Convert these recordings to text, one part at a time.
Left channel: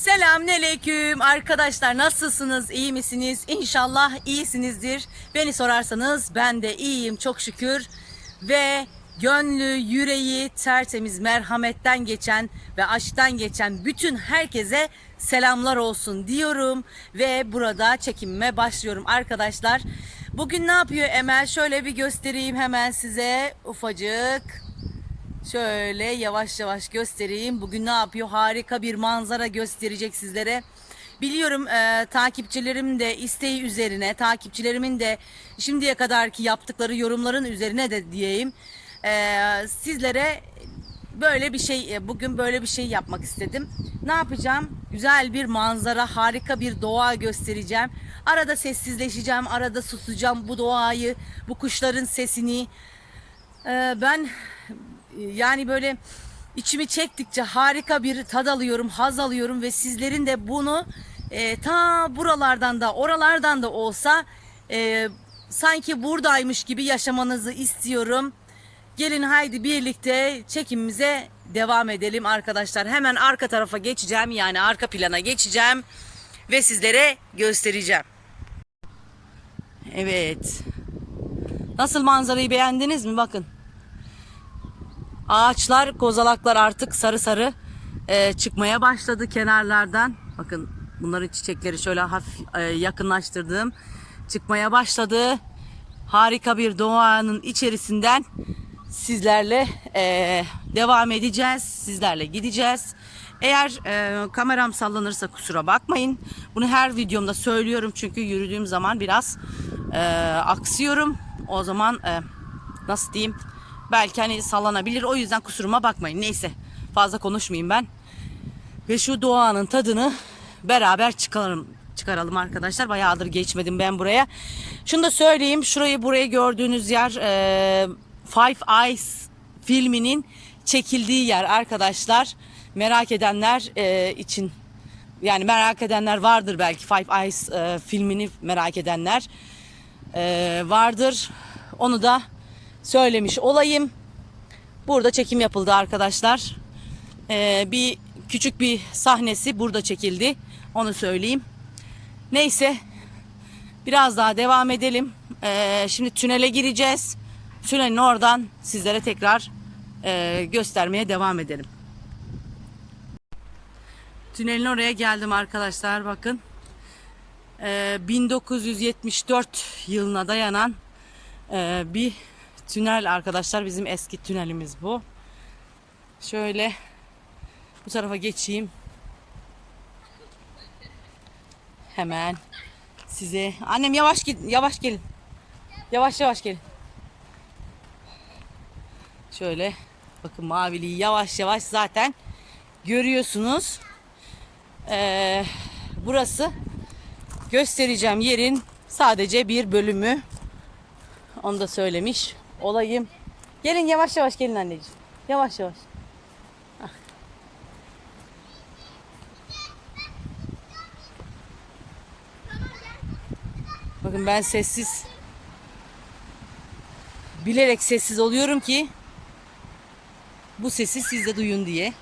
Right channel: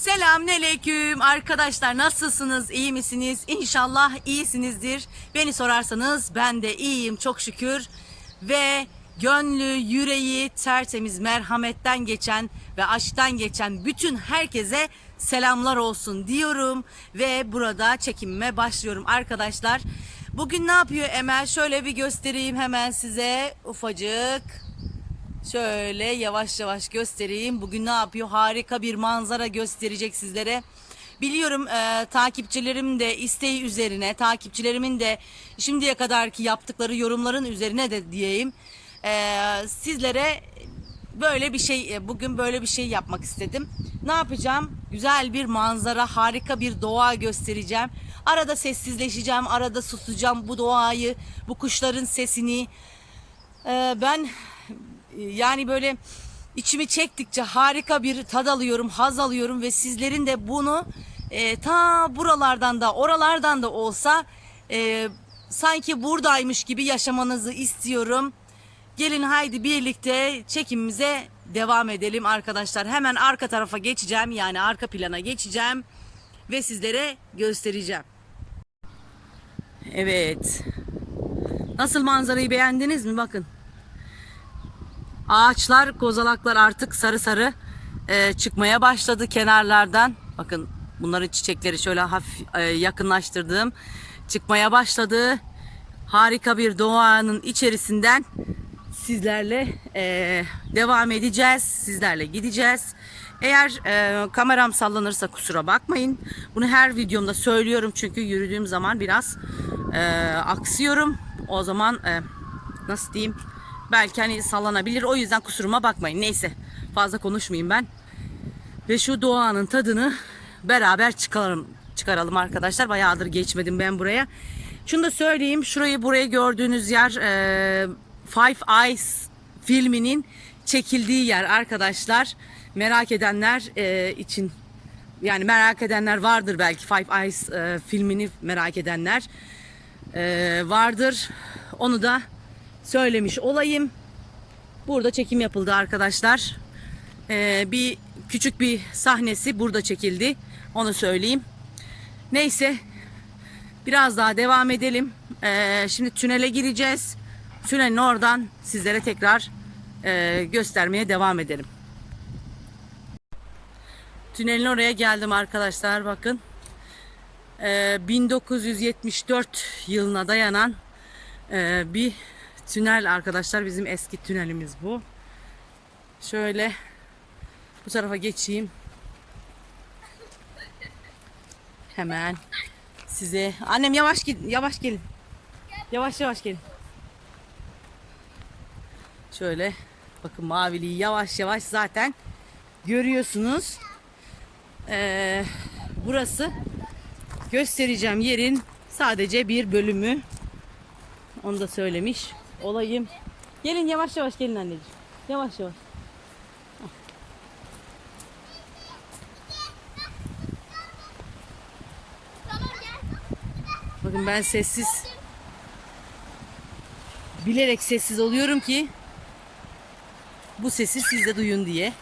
Selamünaleyküm. Arkadaşlar nasılsınız? İyi misiniz? İnşallah iyisinizdir. Beni sorarsanız ben de iyiyim çok şükür. Ve gönlü yüreği tertemiz merhametten geçen ve aşktan geçen bütün herkese selamlar olsun diyorum. Ve burada çekimime başlıyorum arkadaşlar. Bugün ne yapıyor Emel? Şöyle bir göstereyim hemen size. Ufacık Şöyle yavaş yavaş göstereyim. Bugün ne yapıyor? Harika bir manzara gösterecek sizlere. Biliyorum e, takipçilerim de isteği üzerine, takipçilerimin de şimdiye kadarki yaptıkları yorumların üzerine de diyeyim. E, sizlere böyle bir şey, e, bugün böyle bir şey yapmak istedim. Ne yapacağım? Güzel bir manzara, harika bir doğa göstereceğim. Arada sessizleşeceğim, arada susacağım bu doğayı, bu kuşların sesini. E, ben yani böyle içimi çektikçe harika bir tad alıyorum, haz alıyorum ve sizlerin de bunu e, ta buralardan da oralardan da olsa e, sanki buradaymış gibi yaşamanızı istiyorum. Gelin haydi birlikte çekimimize devam edelim arkadaşlar. Hemen arka tarafa geçeceğim yani arka plana geçeceğim ve sizlere göstereceğim. Evet. Nasıl manzarayı beğendiniz mi? Bakın. Ağaçlar, kozalaklar artık sarı sarı e, çıkmaya başladı kenarlardan. Bakın bunların çiçekleri şöyle hafif e, yakınlaştırdığım çıkmaya başladı. Harika bir doğanın içerisinden sizlerle e, devam edeceğiz. Sizlerle gideceğiz. Eğer e, kameram sallanırsa kusura bakmayın. Bunu her videomda söylüyorum çünkü yürüdüğüm zaman biraz e, aksıyorum. O zaman e, nasıl diyeyim? Belki hani sallanabilir. O yüzden kusuruma bakmayın. Neyse fazla konuşmayayım ben. Ve şu doğanın tadını beraber çıkaralım, çıkaralım arkadaşlar. Bayağıdır geçmedim ben buraya. Şunu da söyleyeyim. Şurayı buraya gördüğünüz yer e, Five Eyes filminin çekildiği yer arkadaşlar. Merak edenler e, için yani merak edenler vardır belki Five Eyes e, filmini merak edenler e, vardır. Onu da söylemiş olayım. Burada çekim yapıldı arkadaşlar. Ee, bir küçük bir sahnesi burada çekildi. Onu söyleyeyim. Neyse. Biraz daha devam edelim. Ee, şimdi tünele gireceğiz. Tünelin oradan sizlere tekrar e, göstermeye devam edelim. Tünelin oraya geldim arkadaşlar. Bakın. Ee, 1974 yılına dayanan e, bir tünel arkadaşlar. Bizim eski tünelimiz bu. Şöyle bu tarafa geçeyim. Hemen size annem yavaş git yavaş gelin. Yavaş yavaş gelin. Şöyle bakın maviliği yavaş yavaş zaten görüyorsunuz. Ee, burası göstereceğim yerin sadece bir bölümü. Onu da söylemiş olayım. Gelin yavaş yavaş gelin anneciğim. Yavaş yavaş. Bakın ben sessiz bilerek sessiz oluyorum ki bu sesi siz de duyun diye.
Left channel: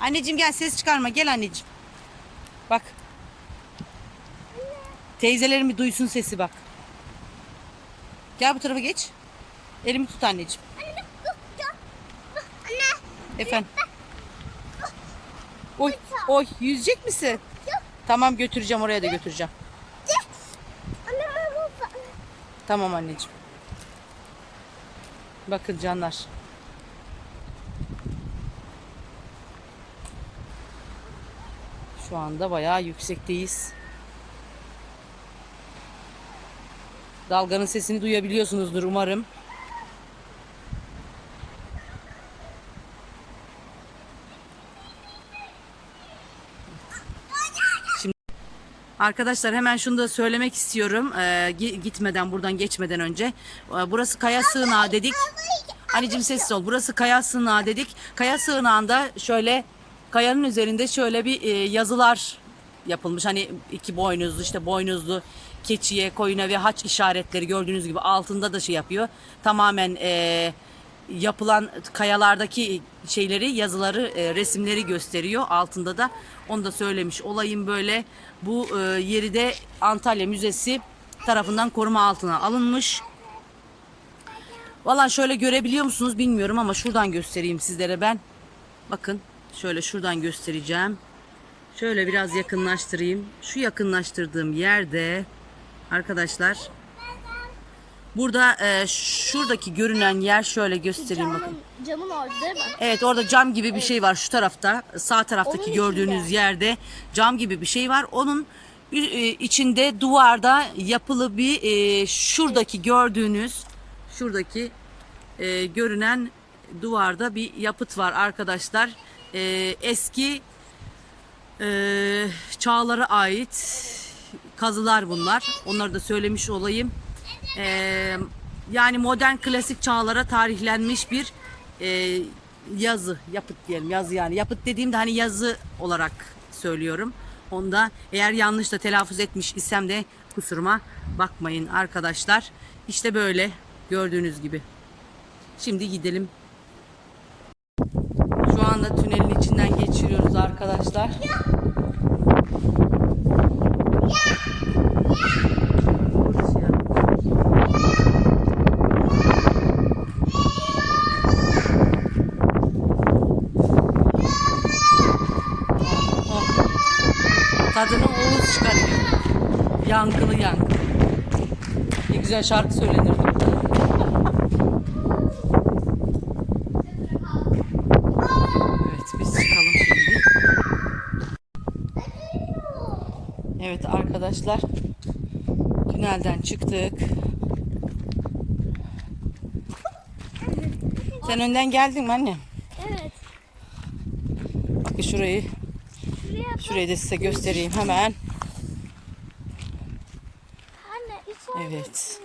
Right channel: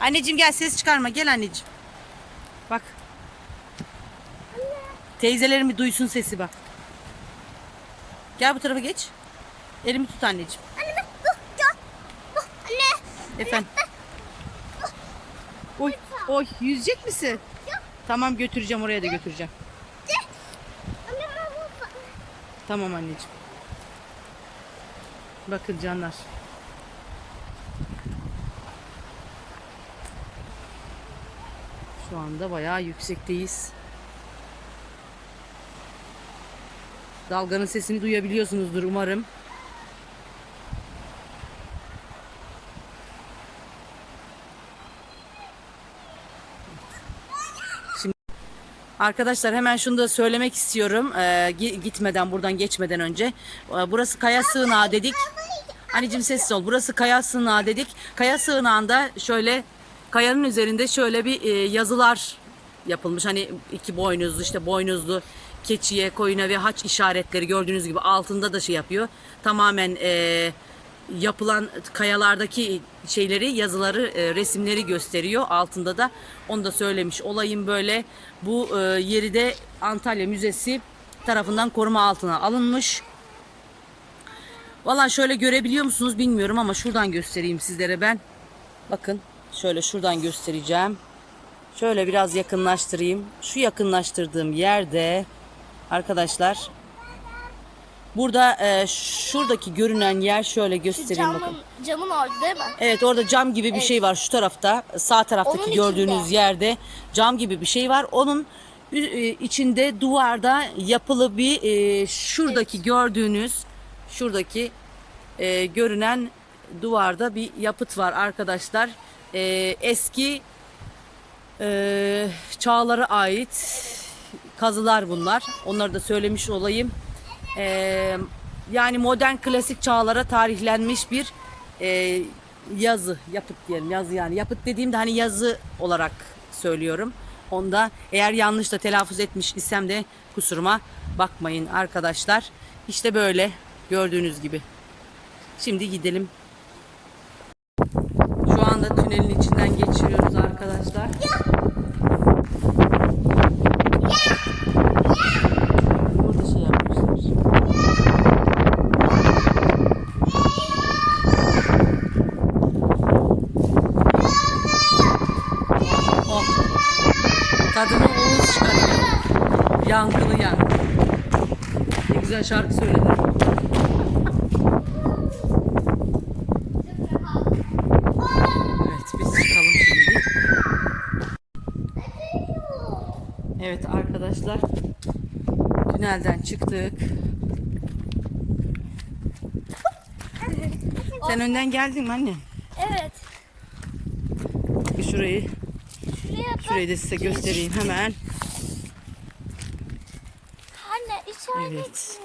Anneciğim gel ses çıkarma gel anneciğim. Bak. Teyzelerim bir duysun sesi bak. Gel bu tarafa geç. Elimi tut anneciğim. Anne. Efendim. Oy, oy yüzecek misin? Tamam götüreceğim oraya da götüreceğim. Tamam anneciğim. Bakın canlar. Şu anda bayağı yüksekteyiz. Dalganın sesini duyabiliyorsunuzdur umarım. Arkadaşlar hemen şunu da söylemek istiyorum. Ee, gi- gitmeden buradan geçmeden önce. Ee, burası kaya sığınağı dedik. Anneciğim sessiz ol. Burası kaya sığınağı dedik. Kaya sığınağında şöyle kayanın üzerinde şöyle bir e, yazılar yapılmış. Hani iki boynuzlu işte boynuzlu keçiye, koyuna ve haç işaretleri gördüğünüz gibi altında da şey yapıyor. Tamamen e, yapılan kayalardaki şeyleri, yazıları, e, resimleri gösteriyor. Altında da onu da söylemiş olayım böyle. Bu e, yeri de Antalya Müzesi tarafından koruma altına alınmış. Valla şöyle görebiliyor musunuz bilmiyorum ama şuradan göstereyim sizlere ben. Bakın şöyle şuradan göstereceğim. Şöyle biraz yakınlaştırayım. Şu yakınlaştırdığım yerde arkadaşlar burada e, şuradaki görünen yer şöyle göstereyim bakın. Camın orada değil mi? Evet orada cam gibi bir şey var şu tarafta sağ taraftaki Onun gördüğünüz yerde cam gibi bir şey var. Onun e, içinde duvarda yapılı bir e, şuradaki gördüğünüz şuradaki e, görünen duvarda bir yapıt var arkadaşlar. E, eski e, çağlara ait kazılar bunlar. Onları da söylemiş olayım. E, yani modern klasik çağlara tarihlenmiş bir e, yazı, yapıt diyelim. Yazı yani. Yapıt dediğimde hani yazı olarak söylüyorum. Onda eğer yanlış da telaffuz etmiş isem de kusuruma bakmayın arkadaşlar. İşte böyle gördüğünüz gibi. Şimdi gidelim. Şu anda tünelin içinden geçiyoruz arkadaşlar. Burada Tadını Oğuz çıkarıyor. Yankılı yankılı. Ne güzel şarkı söylenir. Evet biz çıkalım şimdi. Evet arkadaşlar. Tünelden çıktık. Sen önden geldin mi anne? Evet. Bakın şurayı, şurayı da size göstereyim hemen. Evet.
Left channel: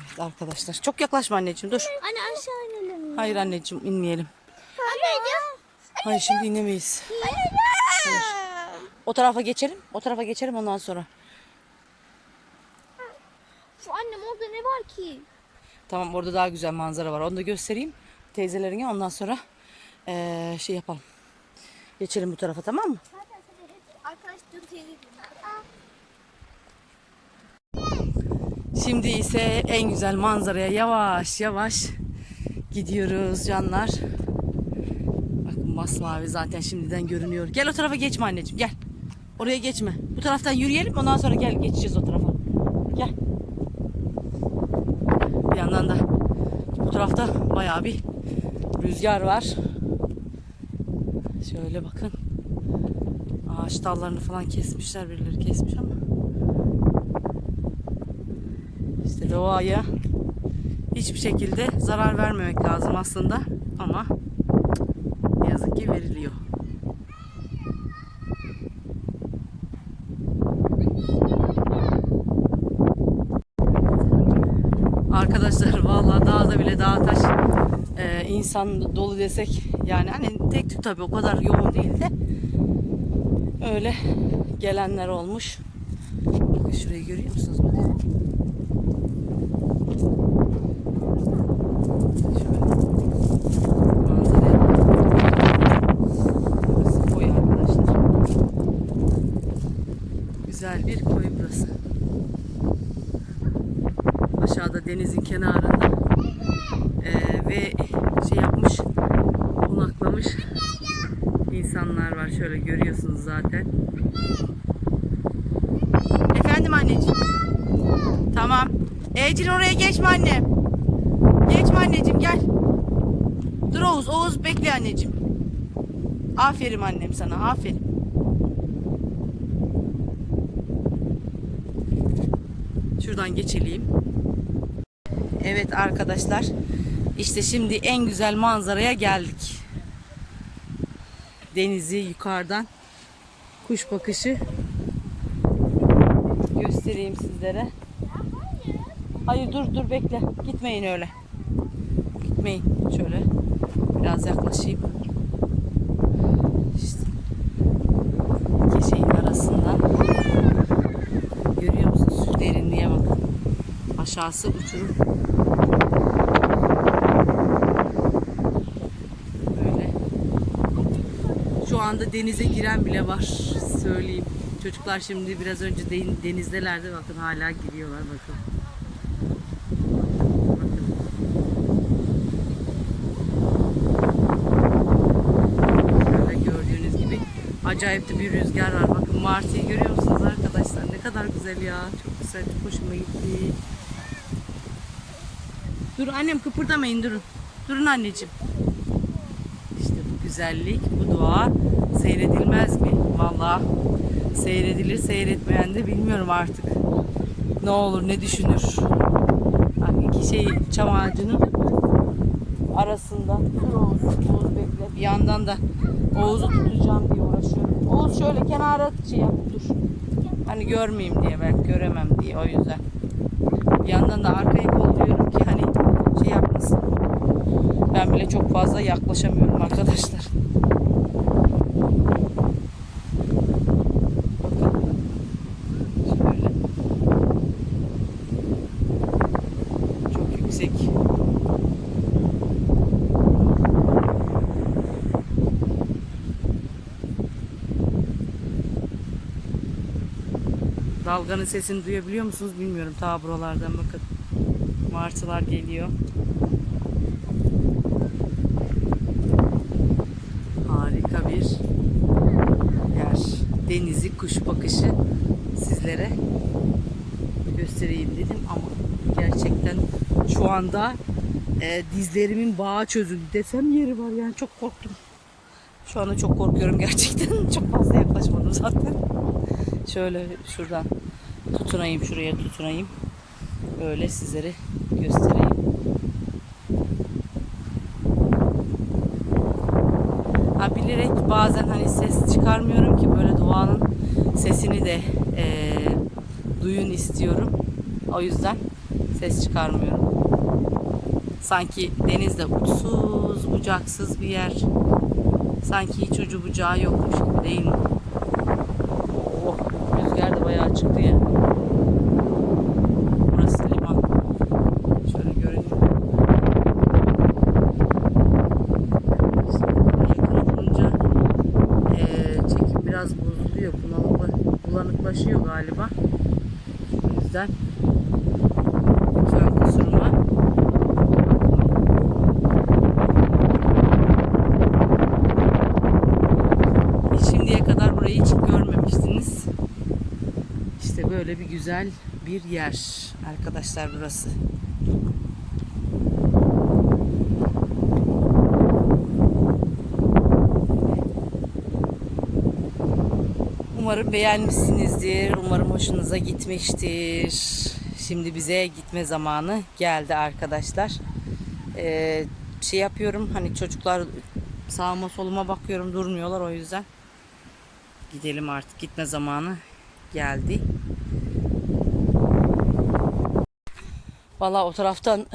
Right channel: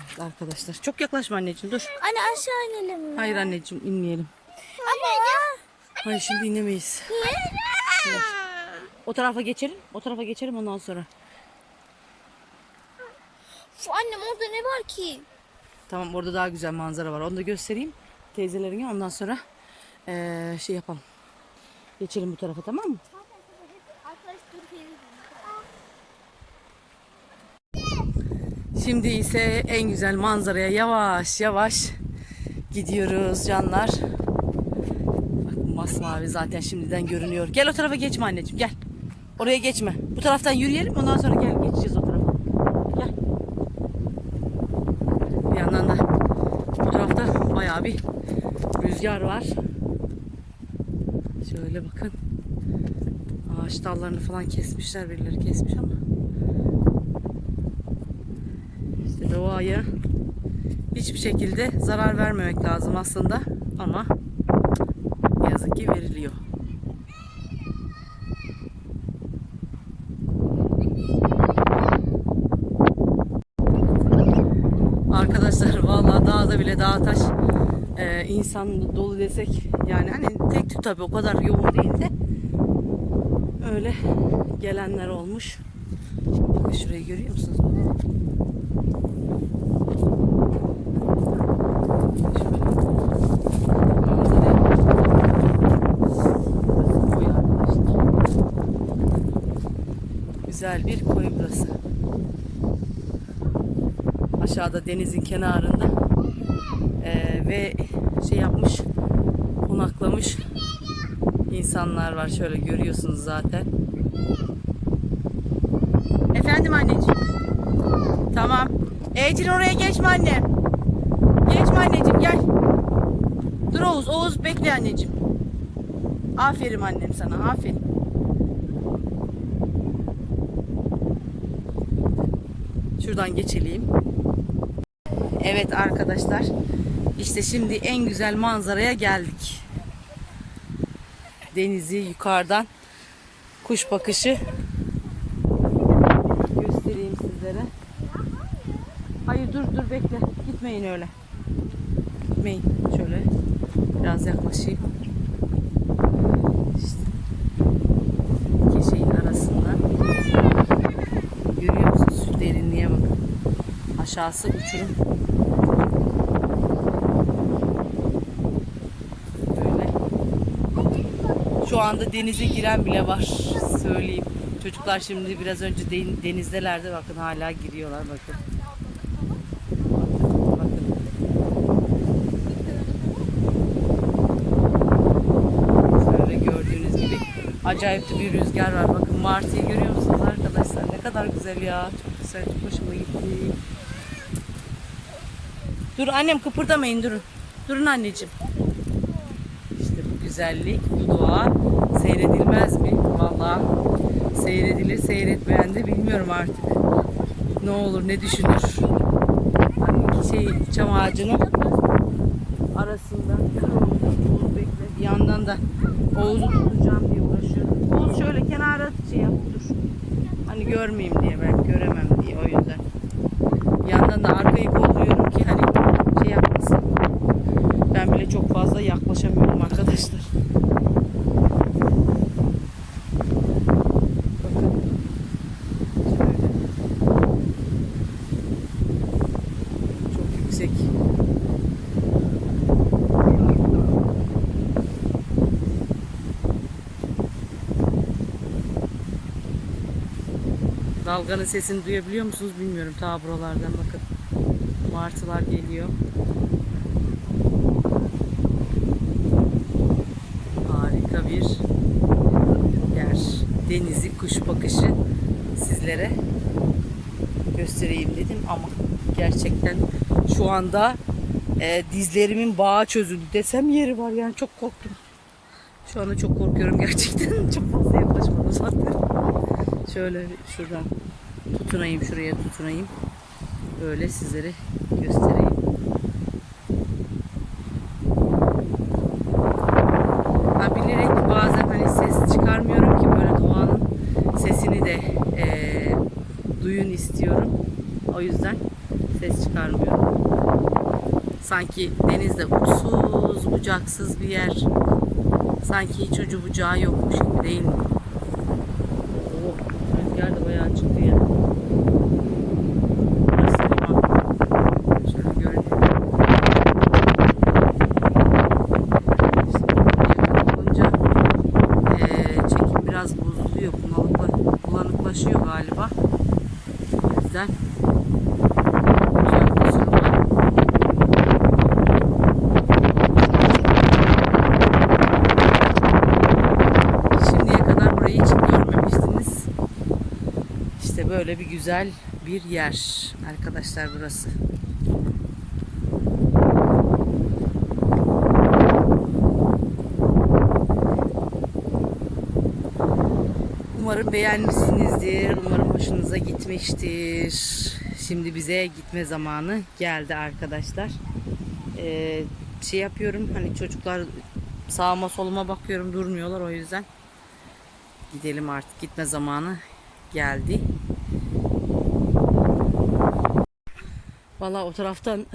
Evet arkadaşlar. Çok yaklaşma anneciğim dur. Anne aşağı inelim mi? Hayır anneciğim inmeyelim. Hayır şimdi inemeyiz. Hayır. O tarafa geçelim. O tarafa geçelim ondan sonra. Şu annem orada ne var ki? Tamam orada daha güzel manzara var. Onu da göstereyim teyzelerine. Ondan sonra eee, şey yapalım. Geçelim bu tarafa tamam mı? Şimdi ise en güzel manzaraya yavaş yavaş gidiyoruz canlar. Bakın masmavi zaten şimdiden görünüyor. Gel o tarafa geçme anneciğim gel. Oraya geçme. Bu taraftan yürüyelim ondan sonra gel geçeceğiz o tarafa. Gel. Bir yandan da bu tarafta bayağı bir rüzgar var. Şöyle bakın. Ağaç dallarını falan kesmişler birileri kesmiş ama. İşte doğaya hiçbir şekilde zarar vermemek lazım aslında ama yazık ki veriliyor. Arkadaşlar vallahi dağda bile dağ taş e, insan dolu desek yani hani tek tük tabii o kadar yoğun değil de öyle gelenler olmuş. Bakın şurayı görüyor musunuz? Güzel bir koy burası. Aşağıda denizin kenarında eee, ve şey yapmış konaklamış insanlar var. Şöyle görüyorsunuz zaten. Efendim anneciğim. Tamam. Ecrin oraya geçme annem. Geçme anneciğim gel. Dur Oğuz. Oğuz bekle anneciğim. Aferin annem sana. Aferin. Şuradan geçelim. Evet arkadaşlar. İşte şimdi en güzel manzaraya geldik. Denizi yukarıdan kuş bakışı göstereyim sizlere. Hayır dur dur bekle. Gitmeyin öyle. Gitmeyin. Şöyle biraz yaklaşayım. İşte arasından. Görüyor musunuz? Derinliğe bakın. Aşağısı uçurum. Şu anda denize giren bile var söyleyeyim. Çocuklar şimdi biraz önce den- denizdelerdi. Bakın hala giriyorlar bakın. Acayip de bir rüzgar var. Bakın martıyı görüyor musunuz arkadaşlar? Ne kadar güzel ya. Çok güzel. Çok hoşuma gitti. Dur annem kıpırdamayın durun. Durun anneciğim. Güzellik, bu doğa seyredilmez mi? Vallahi seyredilir, seyretmeyen de bilmiyorum artık. Ne olur, ne düşünür? Hani şey çam ağacının arasında. Oğuz, bekle. Bir yandan da Oğuz'u tutacağım diye uğraşıyorum. Oğuz şöyle kenara şey yap, dur. Hani görmeyeyim diye, ben göremem diye o yüzden. Bir yandan da arkayı kolluyorum ki hani şey yapmasın. Ben bile çok fazla yaklaşamıyorum arkadaşlar. Çok yüksek. Dalganın sesini duyabiliyor musunuz bilmiyorum. Ta buralardan bakın. Martılar geliyor. Harika bir yer. Denizi, kuş bakışı sizlere göstereyim dedim ama gerçekten şu anda e, dizlerimin bağı çözüldü desem yeri var yani çok korktum. Şu anda çok korkuyorum gerçekten. çok fazla yaklaşmadım zaten. Şöyle şuradan tutunayım şuraya tutunayım. Böyle sizlere göstereyim. Bilerek bazen hani ses çıkarmıyorum ki böyle doğanın sesini de eee, duyun istiyorum. O yüzden ses çıkarmıyorum. Sanki denizde uçsuz bucaksız bir yer. Sanki hiç ucu bucağı yokmuş gibi değil mi? Oh, rüzgar da bayağı çıktı ya. Burası liman. Şöyle görünüyor. yakın olunca eee, çekim bozuluyor. Bunalıkla, bulanıklaşıyor galiba. O yüzden. Şimdiye kadar burayı hiç görmemiştiniz. İşte böyle bir güzel bir yer arkadaşlar burası. Umarım beğenmişsinizdir. Umarım hoşunuza gitmiştir. Şimdi bize gitme zamanı geldi arkadaşlar. Ee, şey yapıyorum hani çocuklar sağıma soluma bakıyorum durmuyorlar o yüzden. Gidelim artık gitme zamanı geldi. Valla o taraftan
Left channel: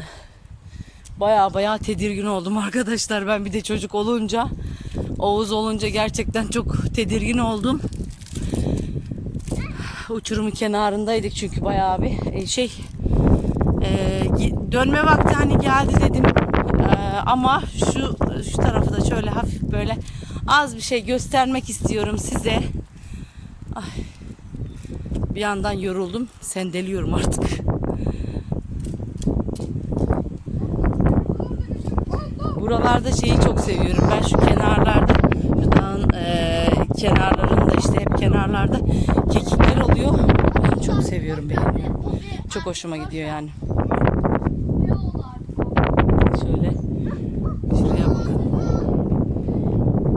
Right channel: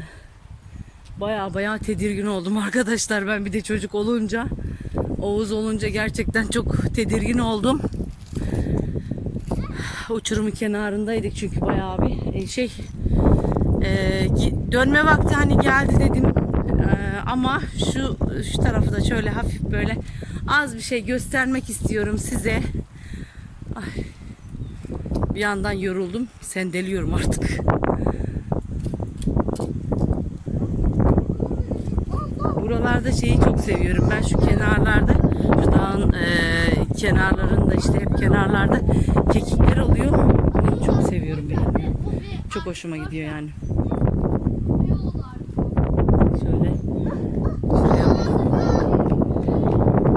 baya baya tedirgin oldum arkadaşlar. Ben bir de çocuk olunca Oğuz olunca gerçekten çok tedirgin oldum. Uçurumun kenarındaydık çünkü bayağı bir e, şey e, dönme vakti hani geldi dedim E, ama şu şu tarafı da şöyle hafif böyle az bir şey göstermek istiyorum size. Ay. Bir yandan yoruldum sendeliyorum artık. Buralarda şeyi çok seviyorum. Ben şu kenarlarda, şu dağın e, kenarlarında işte hep kenarlarda kekikler oluyor. Onu çok seviyorum benim. Çok hoşuma gidiyor yani. Şöyle. Şuraya.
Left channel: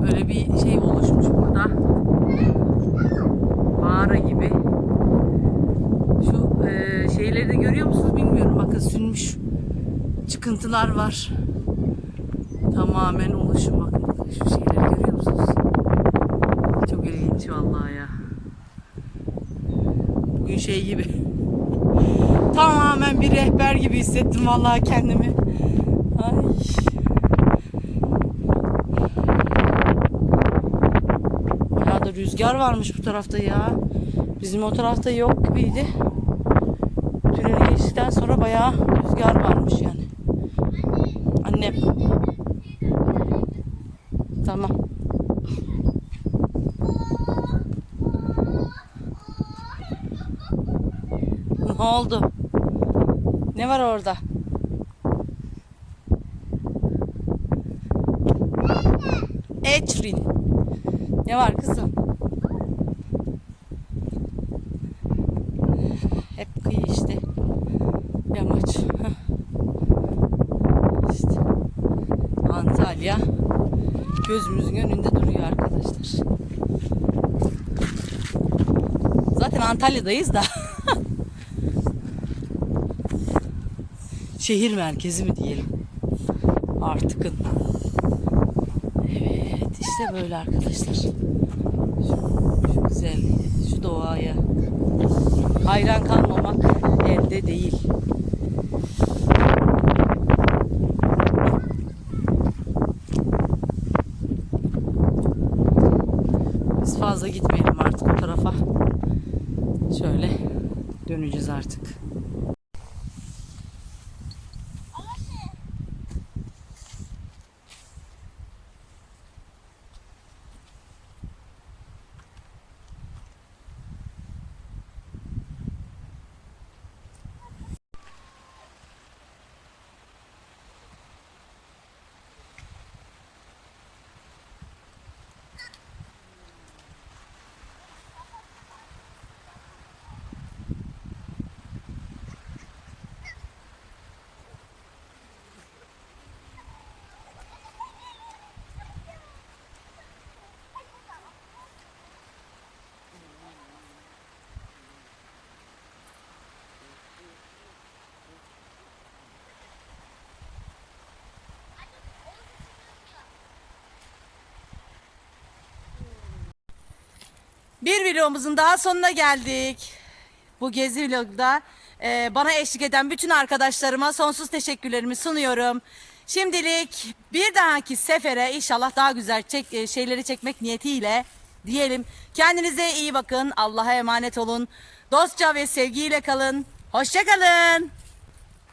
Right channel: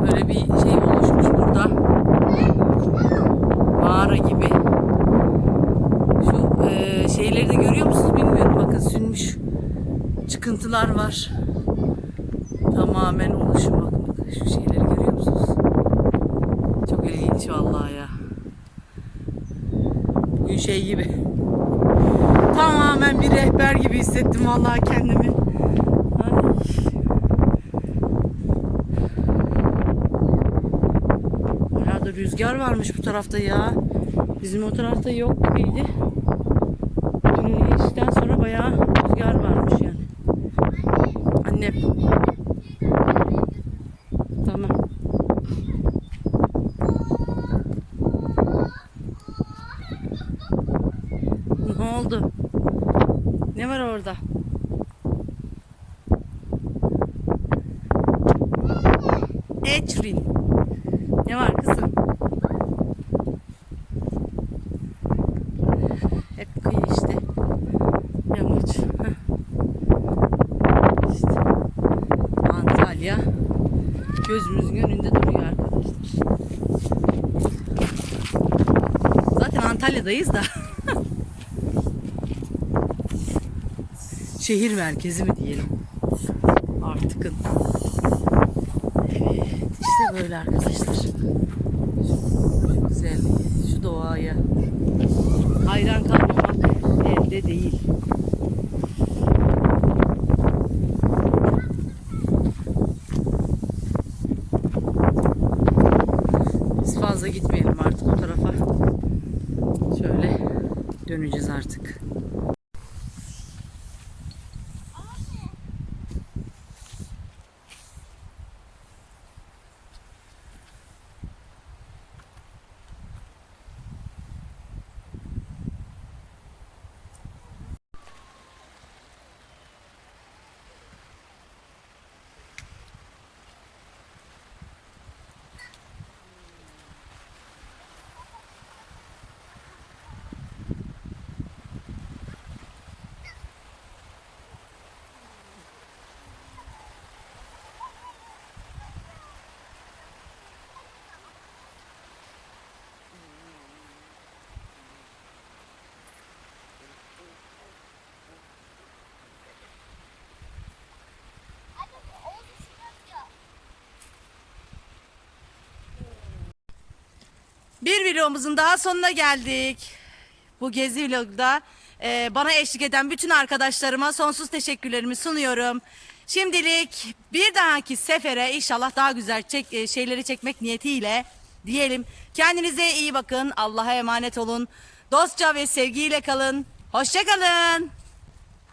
Böyle bir şey oluşmuş burada. Mağara gibi. Şu e, şeyleri de görüyor musunuz bilmiyorum. Bakın sünmüş çıkıntılar var. Tamamen oluşum bakın şu şeyleri görüyor musunuz? Çok ilginç vallahi ya. Bugün şey gibi. Tamamen bir rehber gibi hissettim vallahi kendimi. Ay. Ya da rüzgar varmış bu tarafta ya. Bizim o tarafta yok gibiydi. Tüneli geçtikten sonra bayağı rüzgar varmış yani. Annem. Tamam. oldu? Ne var orada? Etrin. Ne var kızım? Hep kıyı işte. Yamaç. İşte. Antalya gözümüzün önünde duruyor arkadaşlar. Zaten Antalya'dayız da. Şehir merkezi mi diyelim? Artık. Evet işte böyle arkadaşlar. Şu güzelliğe, şu doğaya. Hayran kalmamak elde değil. Biz fazla gitmeyelim artık o tarafa. Şöyle döneceğiz artık. Bir vlogumuzun daha sonuna geldik. Bu gezi vlogda e, bana eşlik eden bütün arkadaşlarıma sonsuz teşekkürlerimi sunuyorum. Şimdilik bir dahaki sefere inşallah daha güzel çek, e, şeyleri çekmek niyetiyle diyelim. Kendinize iyi bakın. Allah'a emanet olun. Dostça ve sevgiyle kalın. Hoşçakalın.